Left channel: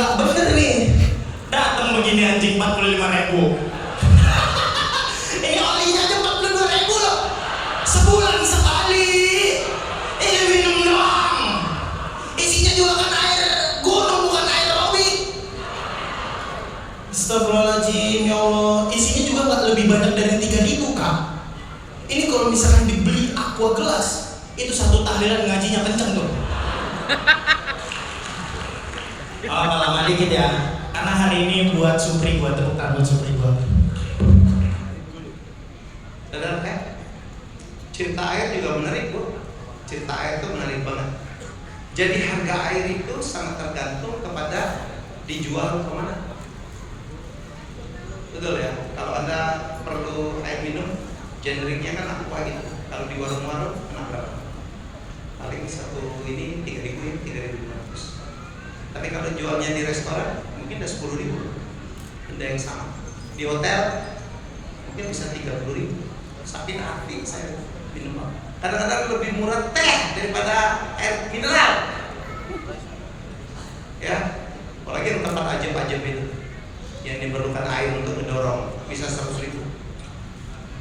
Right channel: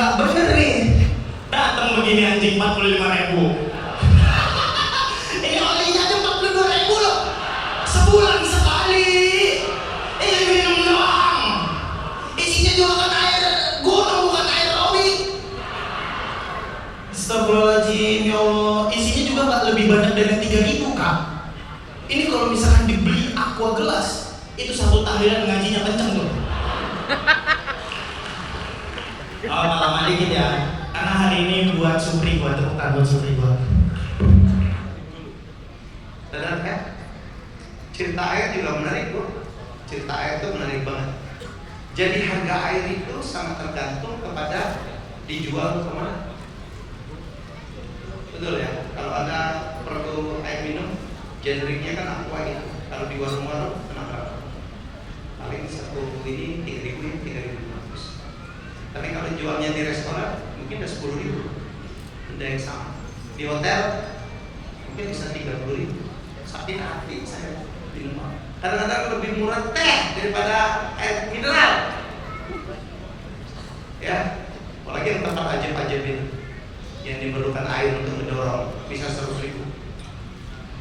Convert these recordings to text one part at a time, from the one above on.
nggak bener nih. Datang begini anjing 45.000. Ini olinya aja 42.000 loh. Sebulan sekali. Ini minum doang. Isinya juga kan air gunung, bukan air oli. Astagfirullahaladzim, ya Allah. Isinya juga nggak lebih banyak dari 3 itu, Kak. Ini kalau misalkan dibeli aqua gelas, itu satu tahlilan ngajinya kenceng loh. Oh, lama dikit ya. Karena hari ini buat Supri, buat tepuk tangan buat Supri buat. Benar kan? Cerita air juga menarik kok. Cerita air itu menarik banget. Jadi harga air itu sangat tergantung kepada dijual kemana. Betul ya? Kalau Anda perlu air minum, generiknya kan aqua gitu. Kalau di warung-warung, kenapa? Paling satu ini 3.000, 3.500. Tapi kalau jualnya di restoran, mungkin udah 10.000. Benda yang sama. Di hotel, mungkin bisa 30.000. Sakit hati saya minum. Kadang-kadang lebih murah teh daripada air mineral. Ya, apalagi tempat ajib-ajib itu yang diperlukan air untuk mendorong, bisa 100.000.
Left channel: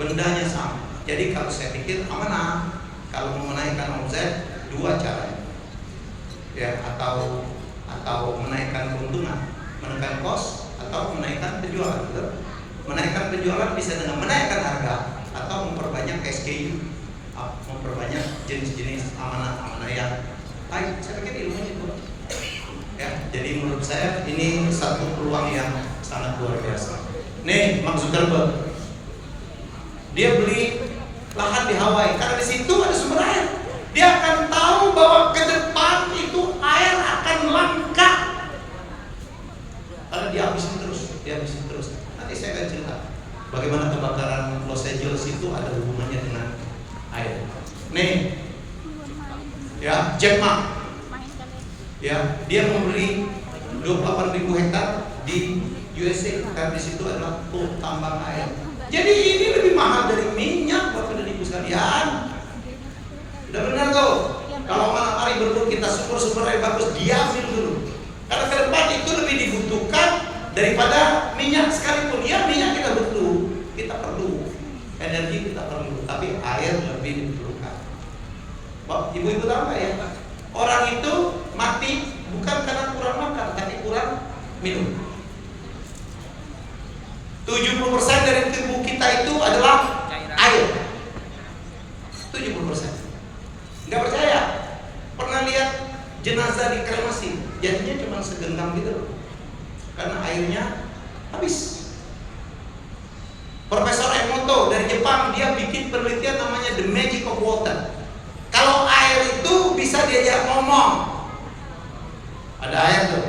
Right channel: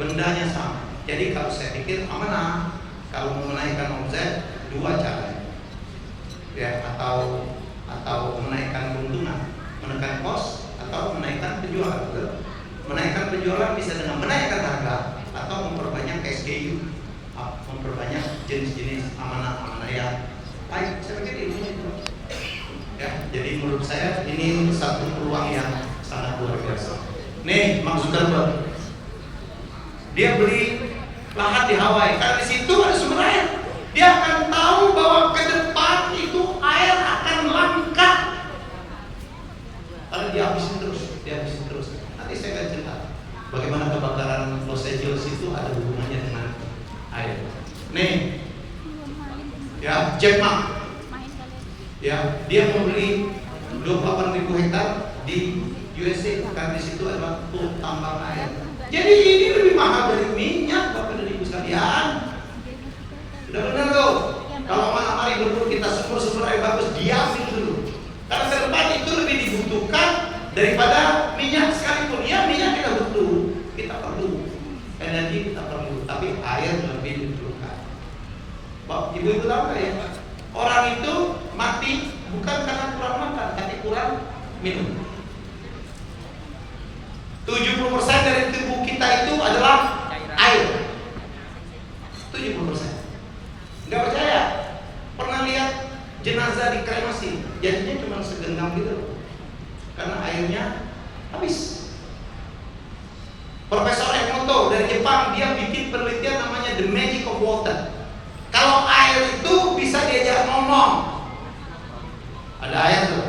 Bendanya sama. Jadi kalau saya pikir amanah kalau mau menaikkan omset, 2 cara. Ya, atau menaikkan keuntungan, menaikkan kos, atau menaikkan penjualan. Betul? Menaikkan penjualan bisa dengan menaikkan harga atau memperbanyak SKU, memperbanyak jenis-jenis amanah-amanah yang baik. Saya pikir ilmu itu. Ya, jadi menurut saya ini satu peluang yang sangat luar biasa. Nih, Bang Zuckerberg, dia beli lahan di Hawaii karena di situ ada sumber air. Dia akan tahu bahwa ke depan itu air akan langka. Karena dia habisin terus. Nanti saya akan cerita bagaimana kebakaran Los Angeles itu ada hubungannya dengan air. Nih, ya, Jack Ma, ya, dia membeli 28.000 hektar di USA karena di situ ada tambang air. Jadi ini lebih mahal dari minyak, Bapak dan Ibu sekalian. Sudah benar tuh. Kalau mari berdua kita sumber air bagus, diamin dulu. Karena ke depan itu lebih dibutuhkan daripada minyak sekalipun. Ya, minyak kita butuh, kita perlu, energi kita perlu, tapi air lebih diperlukan. Wah, ibu-ibu tahu nggak ya? Orang itu mati bukan karena kurang makan, tapi kurang minum. 70% dari tubuh kita itu adalah air. 70%. Nggak percaya? Pernah lihat jenazah dikremasi, jadinya cuma segenggam gitu, karena airnya habis. Profesor Emoto dari Jepang, dia bikin penelitian namanya The Magic of Water. Kalau air itu bisa diajak ngomong. Ada air tuh,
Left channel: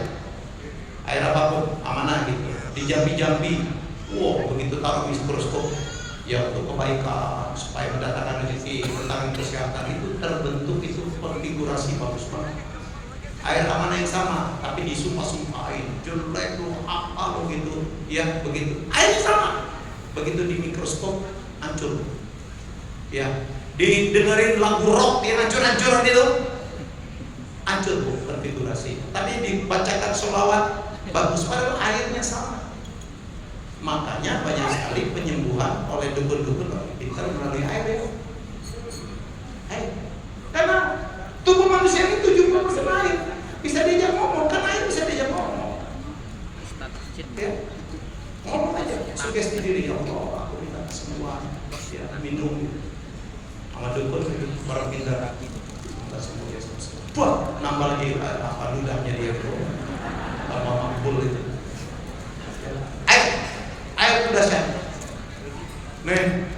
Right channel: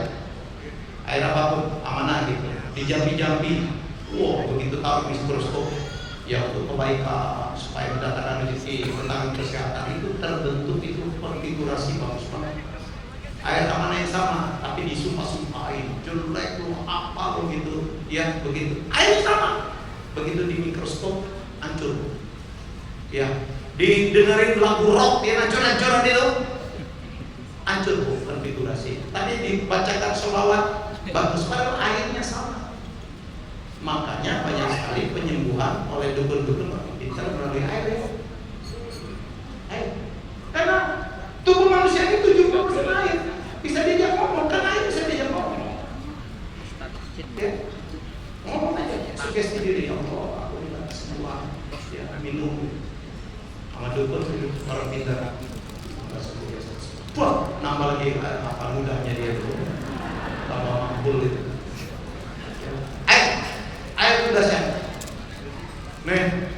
air apapun, amanah gitu, di Jambi-Jambi. Wow, begitu taruh mikroskop, ya untuk kebaikan, supaya mendatangkan rezeki, tentang kesehatan itu terbentuk itu konfigurasi bagus banget. Air amanah yang sama, tapi disumpah-sumpahin, jelek lu apa begitu, ya begitu. Air sama, begitu di mikroskop hancur. Ya, didengerin lagu rock, dia hancur-hancuran itu, hancur bu konfigurasi. Tapi dibacakan sholawat bagus, padahal airnya sama. Makanya banyak sekali penyembuhan oleh dukun-dukun orang pintar melalui air ya. Karena tubuh manusia ini 70% air. Bisa diajak ngomong, kan air bisa diajak ngomong. Ya. Ngomong aja, sugesti diri, ya Allah, aku minta semua ya, minum sama dukun orang pintar. Wah, nambah lagi apa ludahnya dia itu, tambah mabul itu. Air udah sehat. Nih,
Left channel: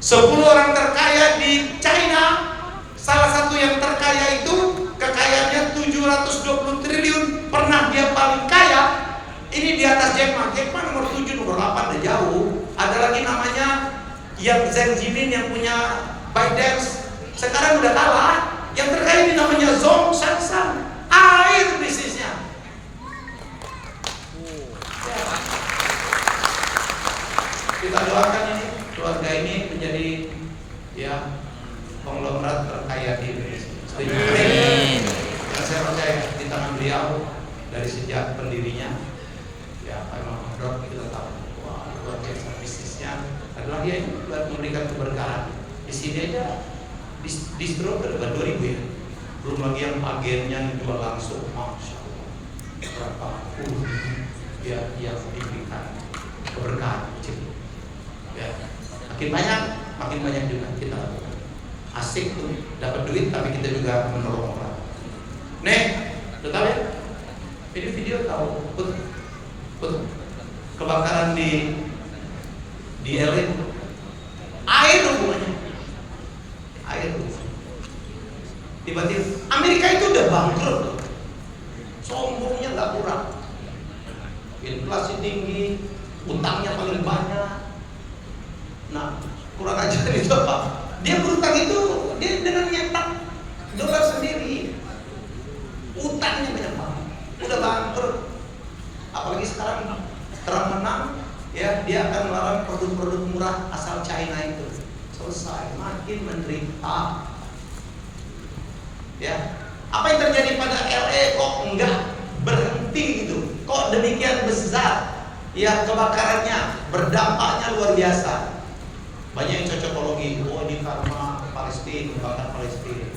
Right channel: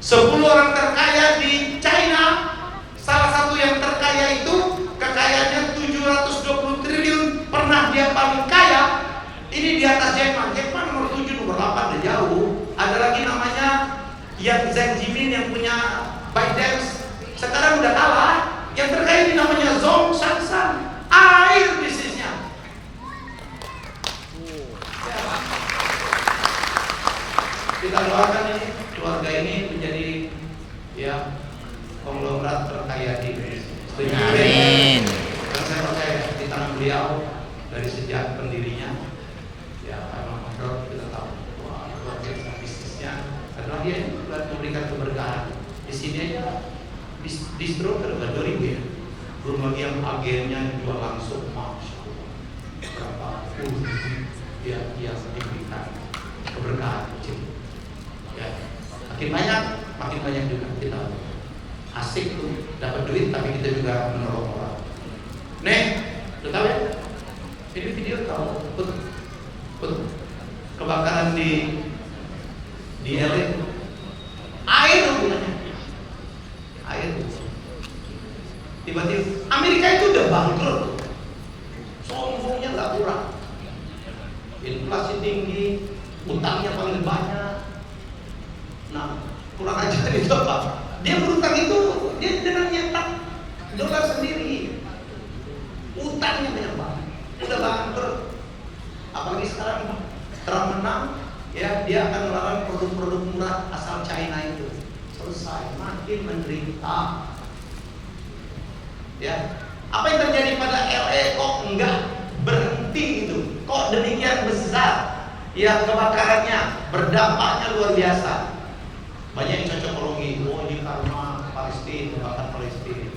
10 orang terkaya di China, salah satu yang terkaya itu kekayaannya 720 triliun, pernah dia paling kaya. Ini di atas Jack Ma. Jack Ma nomor 7, nomor 8 udah jauh. Ada lagi namanya Yang Zhang Jimin yang punya ByteDance, sekarang udah kalah. Yang terkaya ini namanya Zhong Shangshang. Air bisnisnya. Kita doakan ini keluarga ini menjadi ya konglomerat terkaya di Indonesia. Amin. Dan saya percaya di tangan beliau dari sejak udah 2000 ya. Belum lagi yang agennya yang jual langsung, masya Allah, berapa puluh ya yang diberikan keberkahan kecil. Ya, makin banyak juga kita asik tuh dapat duit, tapi kita juga menolong orang. Nih, tahu ya? Video tahu betul. Kebakaran di LA, air hubungannya, air. Tiba-tiba Amerika itu udah bangkrut, sombongnya nggak kurang, inflasi tinggi, utangnya paling banyak. Nah, kurang ajar itu apa? Dia berutang itu dia dengan nyetak dolar sendiri, utangnya banyak banget, udah bangkrut. Apalagi sekarang Trump menang, ya dia akan melarang produk-produk murah asal China itu. Selesai, makin menderita. Ya, apa yang terjadi pada LA kok enggak berhenti gitu? Kok demikian besar? Ya, kebakarannya, berdampaknya luar biasa. Banyak yang cocokologi, oh di karena Palestina, kebakaran Palestina.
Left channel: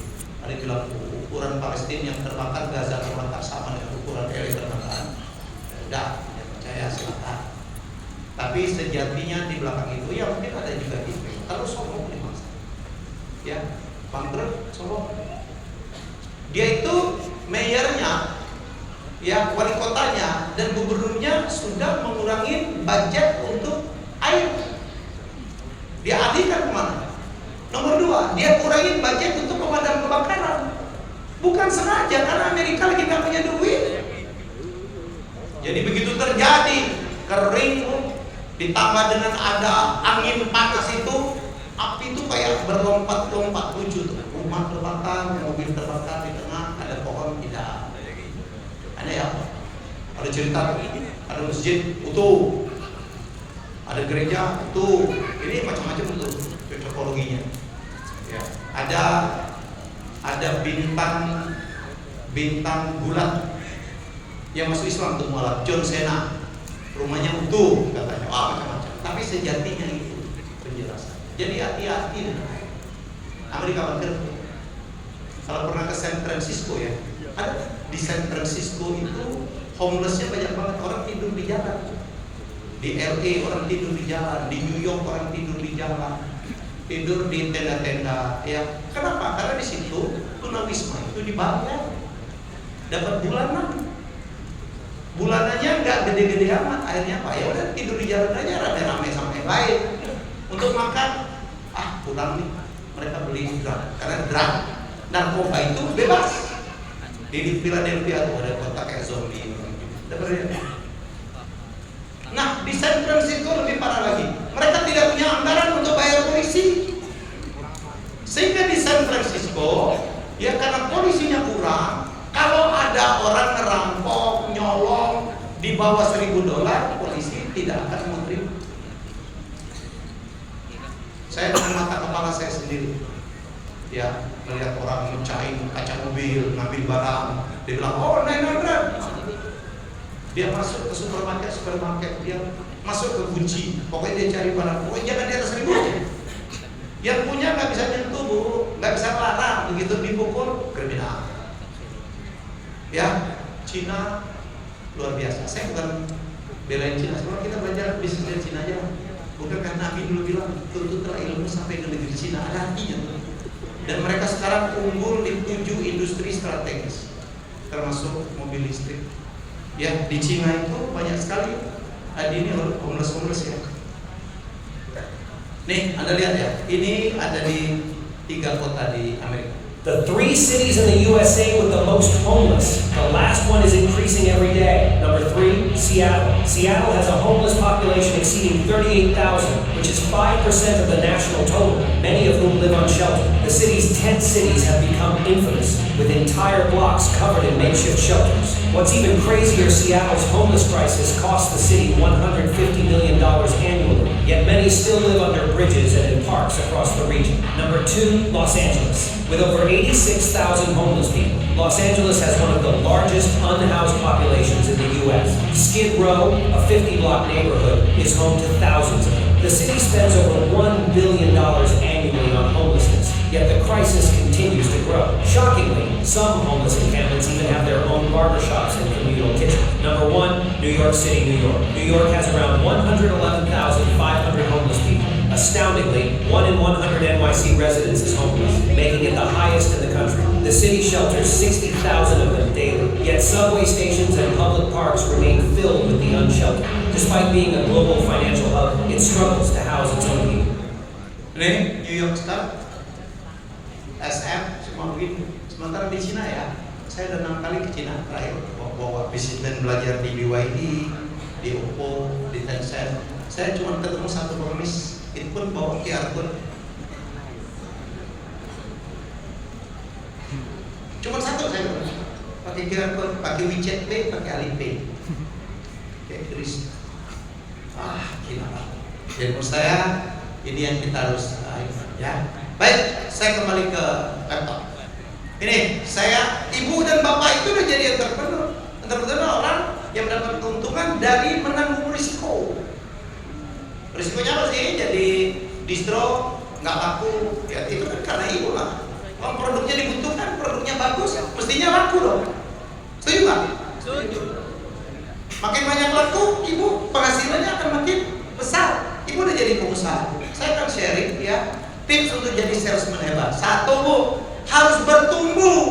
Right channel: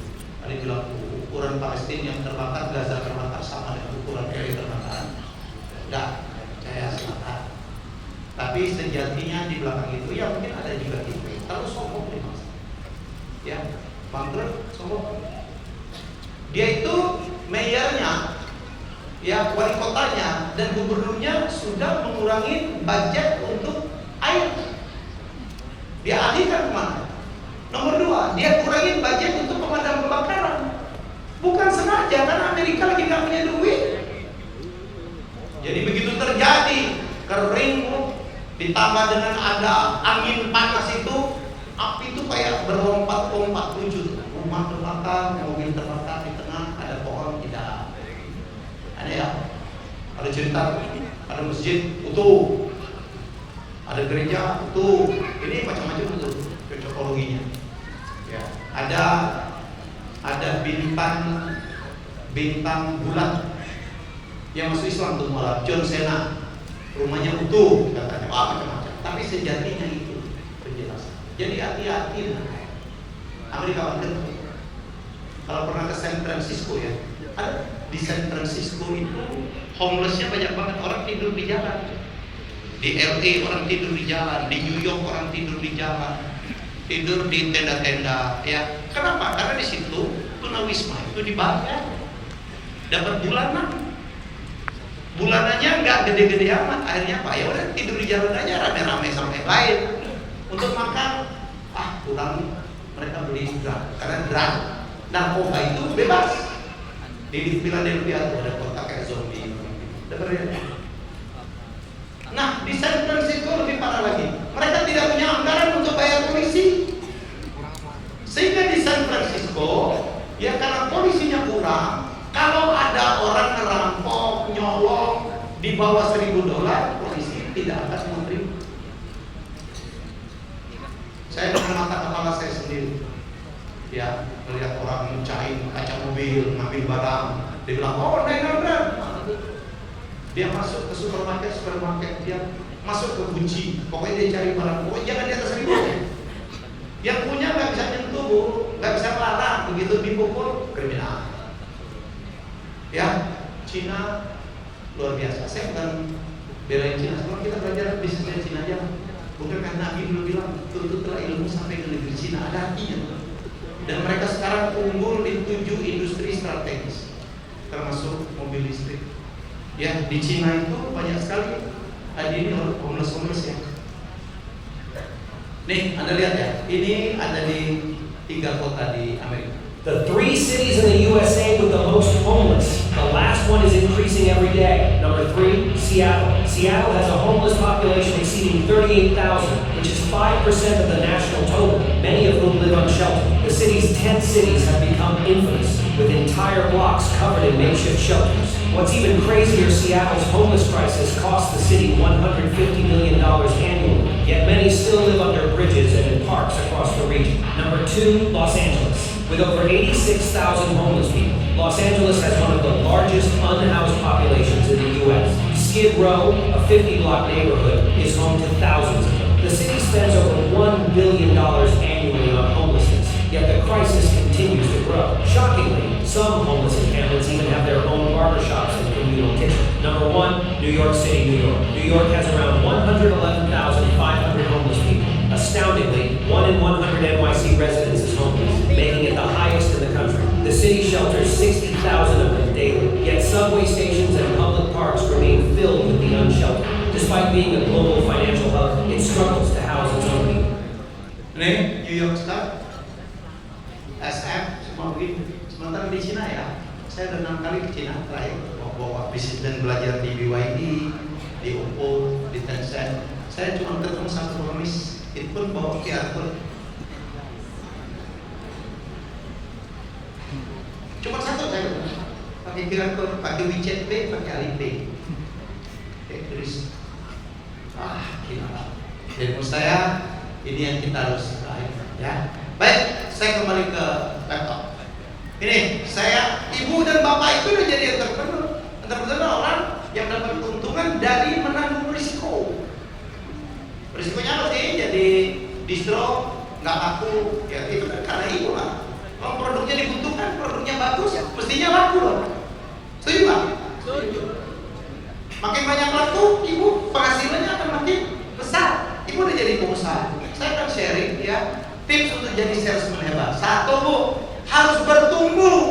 Ada yang bilang ukuran Palestina yang terbakar, Gaza terbakar sama dengan ukuran LA terbakar. Enggak, percaya silakan. Tapi sejatinya di belakang itu ya mungkin ada juga gitu. Terus sombong mas, ya bangkrut sombong. Dia itu mayornya, ya wali kotanya dan gubernurnya sudah mengurangi budget untuk air. Dia alihkan kemana? Nomor 2, dia kurangin budget untuk pemadam kebakaran. Bukan sengaja, karena Amerika lagi nggak punya duit. Jadi begitu terjadi kering, ditambah dengan ada angin panas itu, api itu kayak berlompat-lompat lucu. Rumah terbakar, mobil terbakar di tengah, ada pohon tidak. Ada ya? Ada cerita, ada masjid utuh, ada gereja utuh. Ini macam-macam tuh cocokologinya. Ya, ada bintang bulan yang masuk Islam tuh malah John Cena, rumahnya utuh katanya, macam-macam. Tapi sejatinya itu penjelasan. Jadi hati-hati dengan Amerika Barat. Kalau pernah ke San Francisco ya, ada di San Francisco itu homelessnya banyak banget, orang tidur di jalan. Di LA orang tidur di jalan, di New York orang tidur di jalan, tidur di tenda-tenda. Ya, kenapa? Karena di situ tunawisma itu dibayar, dapat bulanan. Bulanannya nggak gede-gede amat, akhirnya apa? Ya udah tidur di jalan aja, rame-rame sama yang lain. Untuk makan, kurang nih, mereka beli drum, karena drum narkoba itu bebas. Di Philadelphia ada kota kayak zombie, dengar ya? Nah, di San Francisco lebih parah lagi. Mereka tidak punya anggaran untuk bayar polisi. Sehingga di San Francisco, ya karena polisinya kurang, kalau ada orang ngerampok, nyolong di bawah $1.000, polisi tidak akan menerima. Saya dengan mata kepala saya sendiri, ya melihat orang mecahin kaca mobil, ngambil barang, dia bilang, oh benar. Dia masuk ke supermarket, dia masuk ke Gucci, pokoknya dia cari barang, pokoknya jangan di atas 1.000. Yang punya nggak bisa nyentuh, Bu, nggak bisa larang, begitu dipukul kriminal. Ya, Cina luar biasa. Saya bukan belain Cina, sekarang kita belajar bisnis dari Cina aja. Bukan karena Nabi dulu bilang, tuntutlah ilmu sampai ke negeri Cina, ada artinya. Dan mereka sekarang unggul di 7 industri strategis, termasuk mobil listrik. Ya, di Cina itu banyak sekali. Tadi ini homeless ya. Nih, Anda lihat ya, ini ada di 3 kota di Amerika. The 3 cities in the USA with the most homeless. The last one is increasing every day. Number 3, Seattle. Seattle has a homeless population exceeding 38,000, which is 5% of the national total, many of whom live on shelter. The city's tent cities have become infamous, with entire blocks covered in makeshift shelters. What's even crazier, Seattle's homeless crisis costs the city $150 million annually, yet many still live under bridges and in parks across the region. Number 2, Los Angeles. With over 86,000 homeless people, Los Angeles has one of the largest unhoused populations in the U.S. Skid Row, a 50-block neighborhood, is home to thousands of them. The city spends over $1 billion annually on homelessness, yet the crisis continues. continues to grow. Shockingly, some homeless encampments even have their own barbershops and communal kitchens. Number 1, New York City, New York. New York has around 111,500 homeless people. Astoundingly, 1 in 100 NYC residents is homeless, making it the highest in the country. The city shelters 60,000 of them daily, yet subway stations and public parks remain filled with the unsheltered. Despite being a global financial hub, it struggles to house its own people. Ini New York Star, SM, semua begitu. Sementara di Cina ya, saya udah 6 kali ke Cina terakhir. Waktu bisnis belajar di BYD, di Oppo, di Tencent. Saya cuma ketemu satu pengemis, itu pun bawa QR code. Cuma satu saya ketemu, pakai QR code, pakai WeChat Pay, pakai Alipay. Kayak turis. Gila. Dan menurut saya ini yang kita harus raih, ya. Baik, saya kembali ke laptop. Ini saya, ibu dan bapak itu udah jadi entrepreneur. Entrepreneur orang yang mendapat keuntungan dari menanggung risiko. Risikonya apa sih? Jadi distro nggak laku, ya itu kan karena ibu lah. Kalau produknya dibutuhkan, produknya bagus, mestinya laku dong. Setuju nggak? Setuju. Makin banyak laku, ibu penghasilannya akan makin besar. Ibu udah jadi pengusaha. Saya akan sharing ya tips untuk jadi salesman hebat. 1, Bu, harus bertumbuh.